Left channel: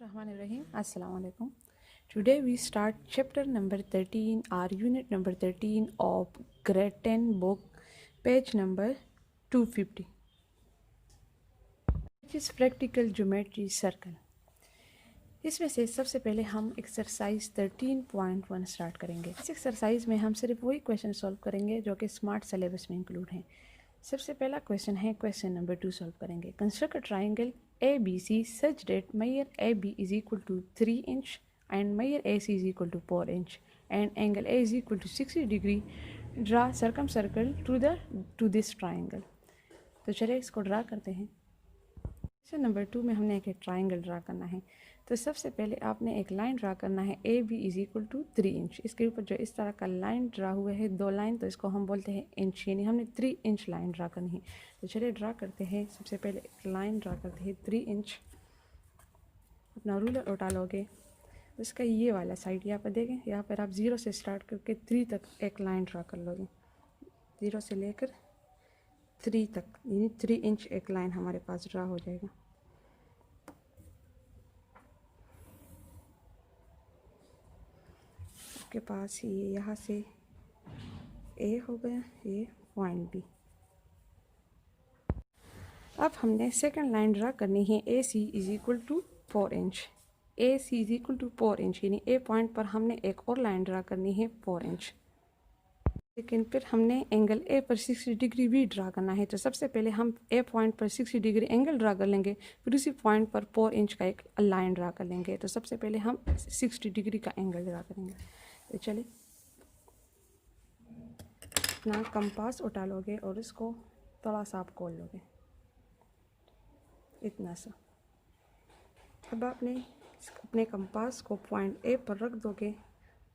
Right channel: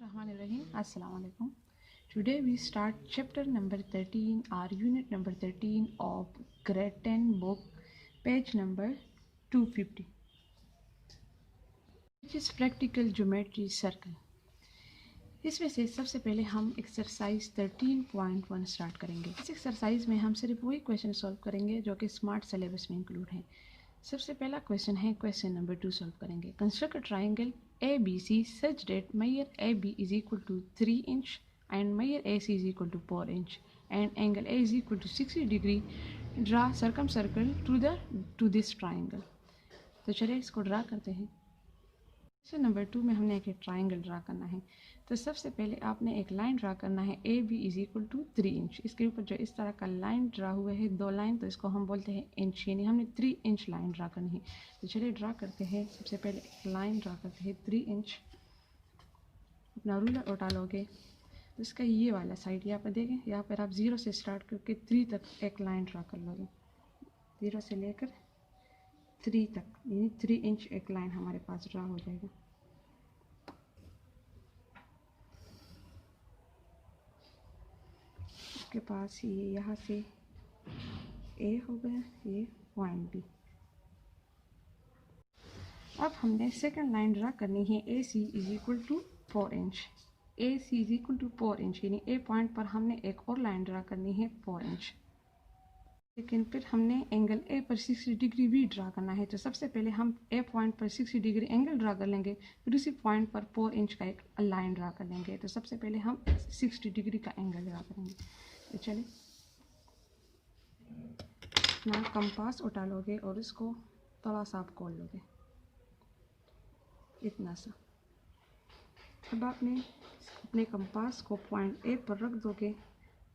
Bismillahirrahmanirrahim. Assalamu alaikum. Today we start chapter number 13 or unit number 13 of grade 10 book, page number 250, which is practical geometry circle. इसमें से सबसे पहले हम exercise 13.1 start करेंगे। इस exercise में हम सिर्फ वही क्वेश्चन सॉल्व करेंगे जो कि स्मार्ट सिलेबस में इंक्लूड हैं। सबसे पहला क्वेश्चन है, क्वेश्चन नंबर 2 सॉल्व करेंगे। Construct a triangle ABC such that measure AB is equal to 3 inch and measure AC is equal to 4 inch and angle A is equal to 60 degree. Draw circumcircle to this triangle. तो चलिए इसको draw करते हैं। Question number 2 में हमने एक triangle draw करना है। तो सबसे पहले आपने एक लाइन ड्रा करना है, AB is equal to 3 inch. इसके ऊपर जो इस तरह का लाइन ड्रा हुआ है, दो लाइन, तो इसको हम बोलते हैं इंच, यानी हमने 3 इंच लाइन ड्रा करनी है। तो चलिए ड्रा करते हैं। सबसे पहले एक लाइन ड्रा करते हैं 3 इंच। अपना रूलर उठा लोगे, इसका ये वाला साइड यहाँ पर देखें, यहाँ पर आप 0 से स्टार्ट करके 3 तक एक लाइन ड्रा कर लोगे। 0 से लेकर 3 तक, यानी 3 इंच एक लाइन हमारे पास ड्रा हो जाएगा। के पास ये यहाँ से A हो गया, ये पॉइंट B। अब हमने सेकंड लाइन ड्रा करनी है, AC is equal to 4 inch. AC is equal to 4 inch, यानी A पॉइंट पर हमने एक और लाइन ड्रा करनी है 4 इंच। लेकिन फिर हमने एंगल A पर 60 डिग्री भी ड्रा करना है। तो सबसे पहले हम A पॉइंट पर 60 डिग्री एंगल ड्रा कर लेंगे, फिर उसी पॉइंट पर 4 इंच का एक लाइन ड्रा कर लेंगे। तो सबसे पहले हम 60 डिग्री का एंगल ड्रा करेंगे। तो चलिए अपना कंपास उठा लोगे और इसको थोड़ा सा आप खोल लोगे, इतना सा। अब आपने अपने कंपास को पॉइंट A पर रख दोगे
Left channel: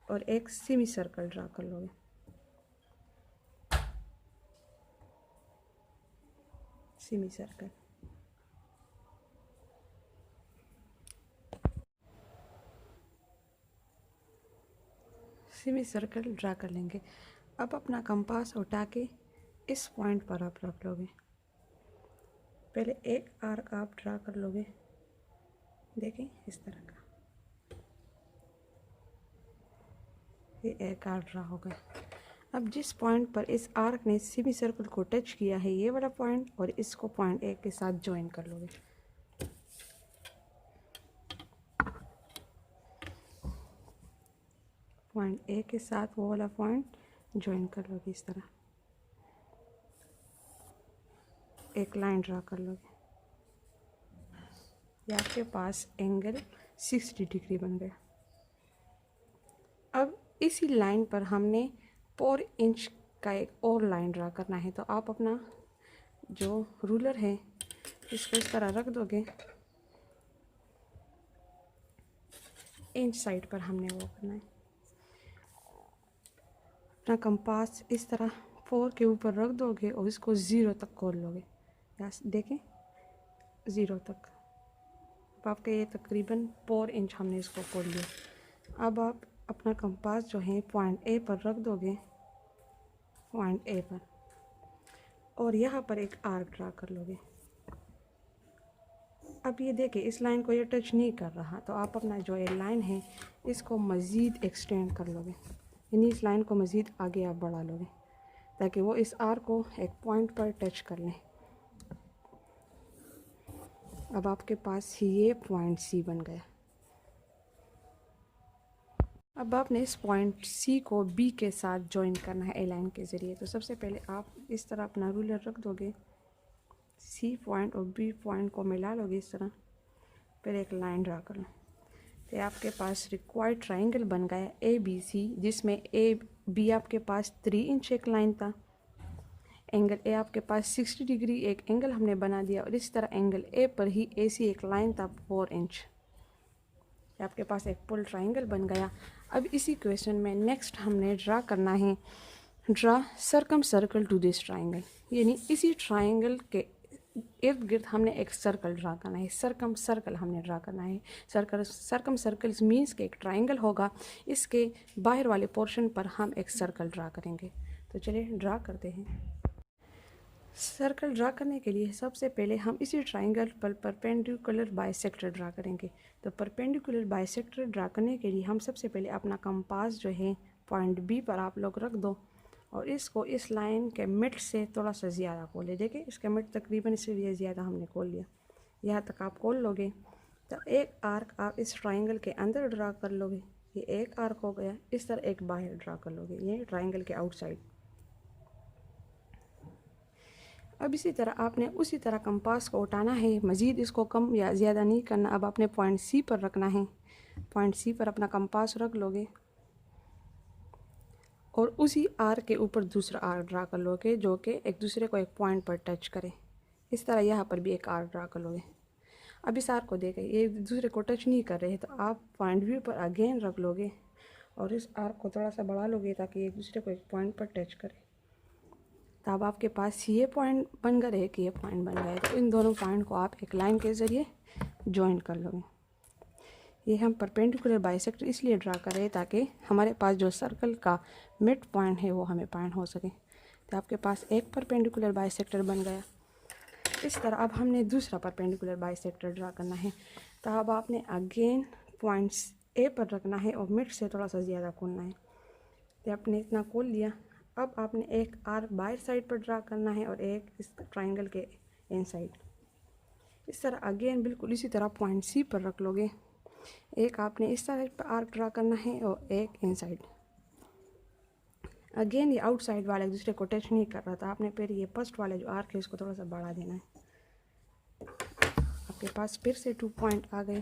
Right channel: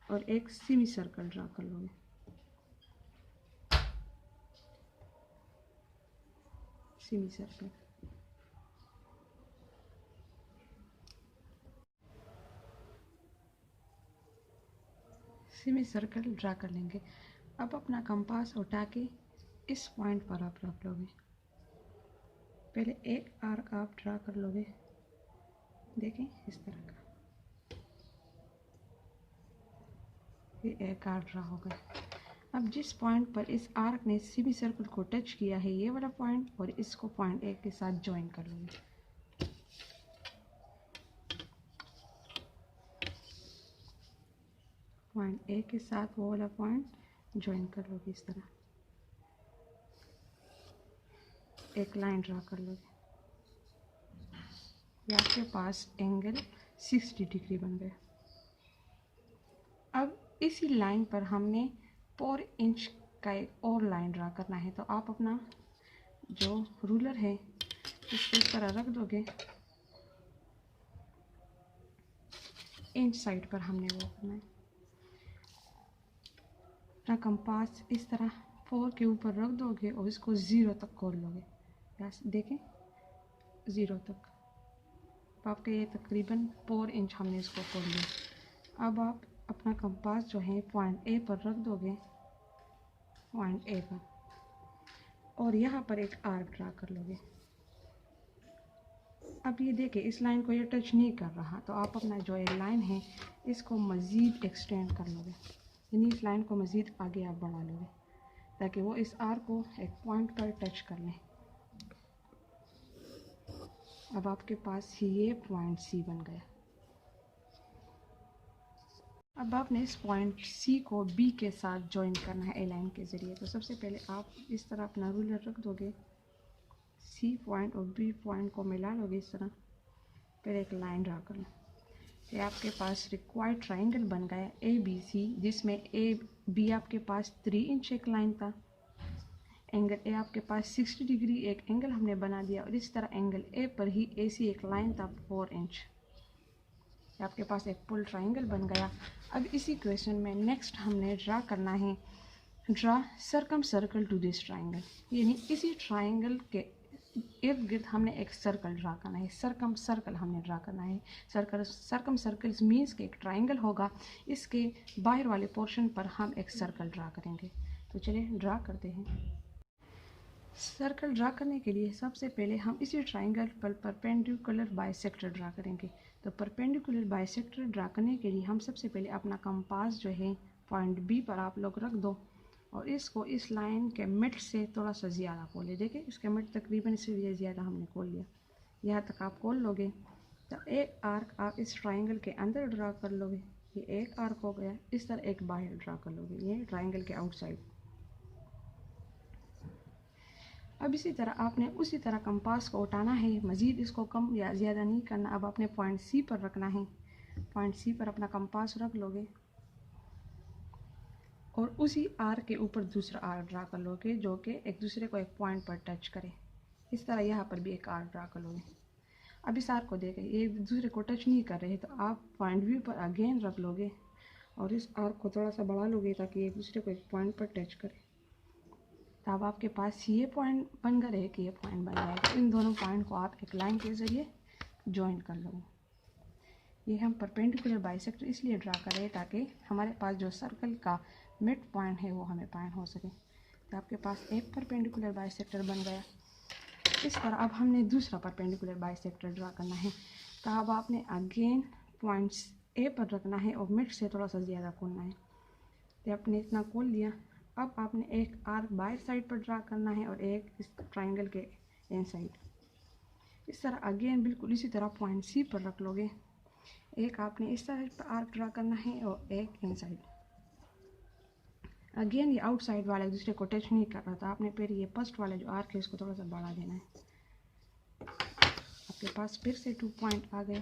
और एक सेमी सर्कल ड्रा कर लोगे। Semi circle, semi circle draw कर लेंगे। अब अपना कंपास उठा के इस पॉइंट पर आप रख लोगे। पहले एक आर्क आप ड्रा कर लोगे, देखें इस तरह का, ये एक आर्क ड्रा होगा। अब जिस पॉइंट पर इस आर्क ने सेमी सर्कल को टच किया है, ये वाला पॉइंट, और इसको पॉइंट A के साथ ज्वाइन कर लोगे। पॉइंट A के साथ वो वाला पॉइंट ज्वाइन कर लोगे इस तरह, एक लाइन ड्रा कर लोगे। ये आपके पास एंगल 60 डिग्री बन गया। अब इसी लाइन पर हमने 4 इंच का एक और लाइन ड्रा करना है। तो आप अपना जो रूलर है इसको इस तरह रख दोगे, इंच साइड पर हमने वो करना है। अपना कंपास इस तरह 4 के ऊपर रख दोगे और इसको 0 तक खोल लोगे। यहाँ देखें 0 तक, अब आपका ये तकरीबन 4 इंच हमने इसको खोल लिया। अब आप अपना कंपास जो है पॉइंट A पर रख दोगे, पॉइंट A पर, और यहाँ पर एक आर्क ड्रा कर लोगे। अब ये देखिए इस लाइन को ये टच नहीं कर रहा, तो आप अपना जो ये लाइन है इसको मज़ीद एक्सटेंड कर लोगे, यानी इस लाइन को मज़ीद आगे आप बढ़ा लोगे ताकि वो इस आर्क को एक पॉइंट पर टच कर लें। अब आपके पास ये पॉइंट C बन गया। अब आपने इस पॉइंट C को B के साथ ज्वाइन करना है ए लाइन के ज़रिए। तो सबसे पहले आप इस तरह अपना रूलर रख दोगे, C पॉइंट और B पॉइंट को मिला लोगे इस तरह, फिर एक लाइन ड्रा कर लो। तो आपके पास रिक्वायर्ड ट्राइंगल बन गया ABC, जिसमें AB आपके पास 3 इंच एक लाइन था, एंगल A आपके पास 60 डिग्री एक एंगल हमने बना दिया, और इस तरह एंगल A पर ही AC एक लाइन था 4 इंच। आपके पास एक फुल ट्राइंगल बन गया। अब इसी क्वेश्चन में नेक्स्ट हमने ड्रा करना है, draw circumcircle to this triangle, यानी इसी ट्राइंगल के इर्द गिर्द हमने एक सर्कल ड्रा करना है। सर्कम सर्कल हमने ड्रा करना है। सर्कम सर्कल्स मीन्स कि एक ट्राइंगल होगा, इसके बाहर वाले पोर्शन पर हम एक सर्कल ड्रा करेंगे। तो चलिए ड्रा करते हैं। सर्कल ड्रा करने के लिए सबसे पहले हम इसी ट्राइंगल पर परपेंडिकुलर बाइसेक्टर ड्रा करेंगे। तो परपेंडिकुलर बाइसेक्टर ड्रा करने के लिए हम सबसे पहले अपना कंपास जो है पॉइंट बी पर आप लोग रख दो और इसको इस लाइन के मिड से थोड़ा सा ज़्यादा खोल ले। देखिए इसके मिड तकरीबन इससे ज़्यादा हमने खोल लिया, यहाँ तक आप खोल लोगे तो एक आर्क आप इस ट्राइंगल के अंदर ड्रा कर लोगे। ये एक आर्क हो गया। इस तरह एक बाहर ड्रा कर लोगे, ये ट्राइंगल के आउटसाइड। अब इसी तरह आपने उसी तरह कंपास को उठाना है, मज़ीद इसको कम या ज़्यादा नहीं करना। अब आपने पॉइंट सी पर रखना है, पॉइंट सी पर अपना कंपास रख लोगे और उसी आर के ऊपर दूसरा आर ड्रा कर लोगे जो कि एक दूसरे को एक पॉइंट पर टच करे। इस तरह यहाँ पर भी एक आर ड्रा कर लोगे। अब इस आर को देखें ये एक दूसरे को टच नहीं कर रहे, तो आप पॉइंट व्यू पर अगेन रख लोगे और इस आर को थोड़ा सा बढ़ा लोगे ताकि एक दूसरे को एक पॉइंट पर टच करे। तब आपके पास ये पॉइंट बन गए, एक ये पॉइंट बन गए। तो इन दोनों पॉइंट को आप एक लाइन के ज़रिए जॉइन कर लोगे। ये हम परपेंडिकुलर बाइसेक्टर इसलिए ड्रा कर रहे हैं ताकि हमारे पास जो सर्कल का मिड पॉइंट है वो हमें पॉइंट हो सके। तो आपके पास एक परपेंडिकुलर बाइसेक्टर बन गया। इस तरह अब हमने दूसरा परपेंडिकुलर बाइसेक्टर ड्रा करना है। तो अब आपने अगेन पॉइंट्स ए पर रखना है और मिड से थोड़ा सा ज़्यादा खोलना है। तो आपने इतना खोल लिया। अब आपने एक आर्क बाहर साइड पर ड्रा करना है और एक इस ट्राइंगल के इन साइड। इस तरह अगेन बिल्कुल इसी तरह पॉइंट सी पर रख लोगे। एक आपने इस साइड पर आर्क ड्रा करना है और एक इन साइड। अगेन ये आउटसाइड वाला एक दूसरे को टच नहीं कर रहा था, आपने फिर ये फर्स्ट वाले जो आर्क है इसको थोड़ा सा बढ़ा देना है। आपके पास फिर से 2 पॉइंट आ गए।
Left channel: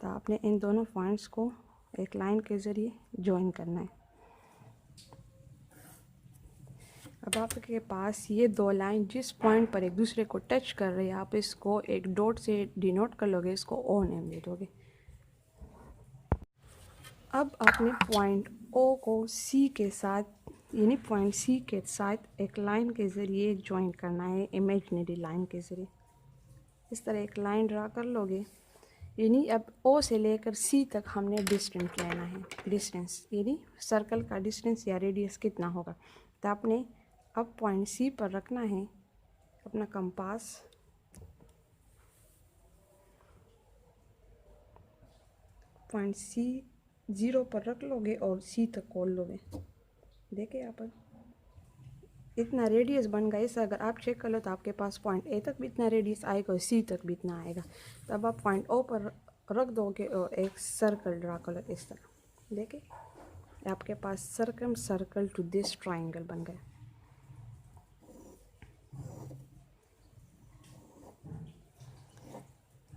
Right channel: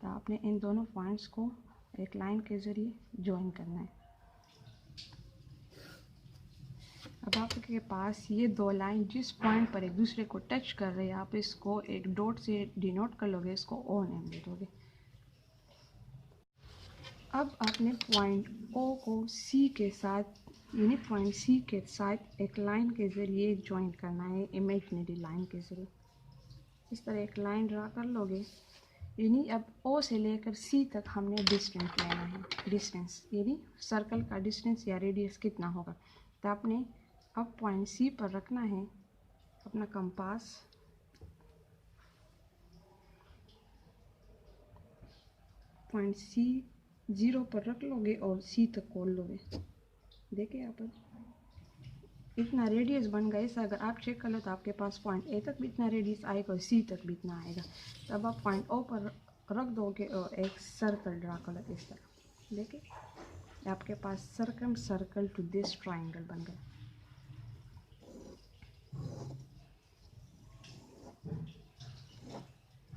तो आपने इन दोनों पॉइंट्स को एक लाइन के ज़रिए जॉइन करना है। अब आपके पास ये दो लाइन जिस पॉइंट पर एक दूसरे को टच कर रहे हैं, आप इसको एक डॉट से डिनोट कर लोगे, इसको ओ नेम दे दोगे। अब आपने पॉइंट ओ को सी के साथ यानी पॉइंट सी के साथ एक लाइन के ज़रिए जॉइन करना है, इमेजिनरी लाइन के ज़रिए। इस तरह एक लाइन ड्रा कर लोगे। यानी अब ओ से लेकर सी तक हमने डिस्टेंस लेना है। डिस्टेंस यानी सर्कल का डिस्टेंस या रेडियस कितना होगा। तो आपने अब पॉइंट सी पर रखना है अपना कंपास। पॉइंट सी 0 पर रख लोगे और सी तक खोल लोगे। देखिए यहाँ पर इतना रेडियस बन गया। इसे अगर आप चेक कर लो तो आपके पास पॉइंट ए तक भी इतना रेडियस आएगा और सी तक भी इतना आएगा। तब आप पॉइंट ओ पर रख दोगे और एक सर्कल ड्रा कर लो इस तरह। देखिए आपके पास सर्कल टू दिस ट्राइंगल बन गया।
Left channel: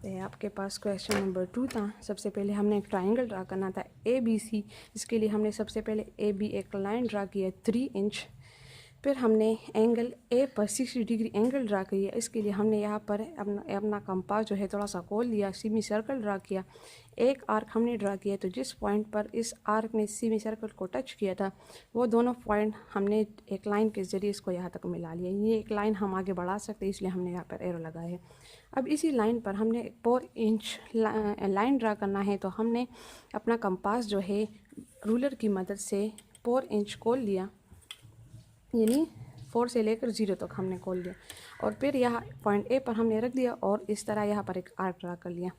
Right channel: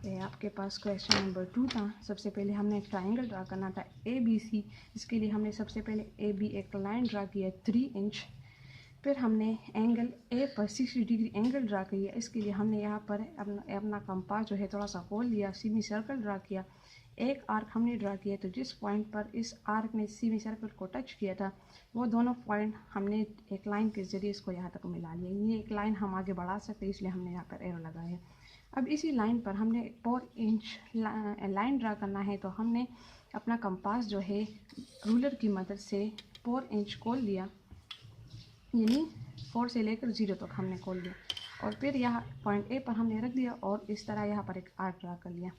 ये आपके पास क्वेश्चन नंबर 2 था। सबसे पहले हमने एक ट्राइंगल ड्रा करना था ABC। इसके लिए हमने सबसे पहले AB एक लाइन ड्रा किया 3 इंच। फिर हमने एंगल A पर 60 डिग्री एंगल ड्रा किया। इसके लिए हमने यहाँ पर अपना कंपास जो है थोड़ा सा खोल लिया, सेमी सर्कल ड्रा किया। एक आर्क हमने ड्रा किया, तो जिस पॉइंट पर इस आर्क ने सेमी सर्कल को टच किया था वो दोनों पॉइंट हमने एक लाइन के ज़रिए इसको यहाँ तक मिला लिया। ये एक लाइन हम आगे बढ़ा सकते हैं, इसलिए हमने यहाँ पर एरो लगाया है। अब इसी लाइन पर हमने 4 इंच लाइन ड्रा करना है। तो हमने अपना कंपास जो है रूलर की मदद से 4 इंच खोल लिया, यानी 4 से लेकर 0 तक हमने खोल लिया और फिर यहाँ पॉइंट ए पर हमने रख दिया और इस तरह यहाँ पर एक आर्क ड्रा कर लिया।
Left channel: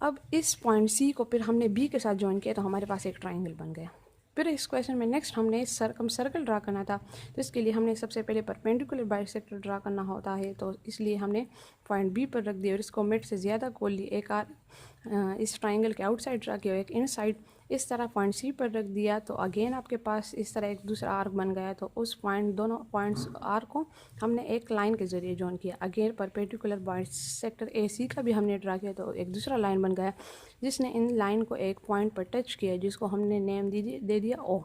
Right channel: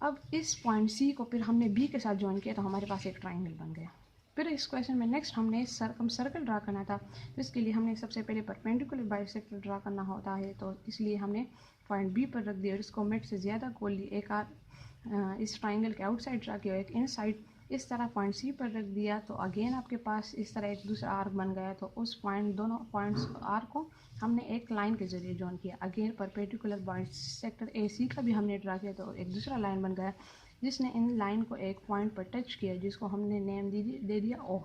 अब इस पॉइंट सी को फिर हमने बी के साथ ज्वाइन किया तो हमारे पास एक ट्राइंगल बन गया। फिर इस क्वेश्चन में नेक्स्ट हमने सर्कल ड्रा करना था। तो इसके लिए हमने सबसे पहले परपेंडिकुलर बाइसेक्टर ड्रा करना होता है, तो इसलिए हमने पॉइंट बी पर रख दिया और इसको मिड से ज़्यादा खोल ली। एक इस ट्राइंगल के आउटसाइड ड्रा किया, एक इनसाइड। इस तरह पॉइंट सी पर रख दिया तो अगेन आपके पास इस तरह एक दूसरा आर्क बन गया। तो उस पॉइंट दोनों पॉइंट्स आर्क को हमने एक लाइन के ज़रिए जॉइन किया। अगेन परपेंडिकुलर बाइसेक्टर AC का भी हमने ड्रा किया तो एक दूसरा लाइन बन गया जिसने इन लाइन को एक पॉइंट पर टच किया, जिसको हमने नेम दे दिया O।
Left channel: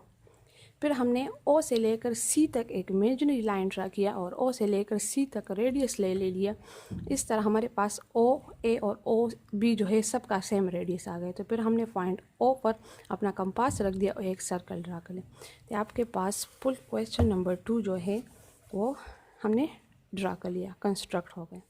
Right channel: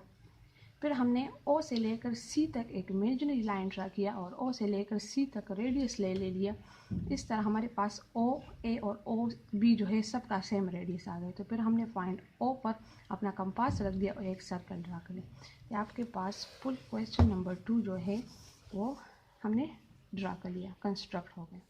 फिर हमने O से लेकर C तक एक इमेजिनरी लाइन ड्रा किया और O से लेकर C तक रेडियस ले लिया। इस तरह हमारे पास OA और OB जो है सबका सेम रेडियस आ गए। तो फिर हमने पॉइंट O पर अपना कंपास रख दिया और एक सर्कल ड्रा कर लिया। तो आपके पास फुल क्वेश्चन नंबर 2 जो है वो हमने ड्रा कर लिया, कंस्ट्रक्ट हो गया।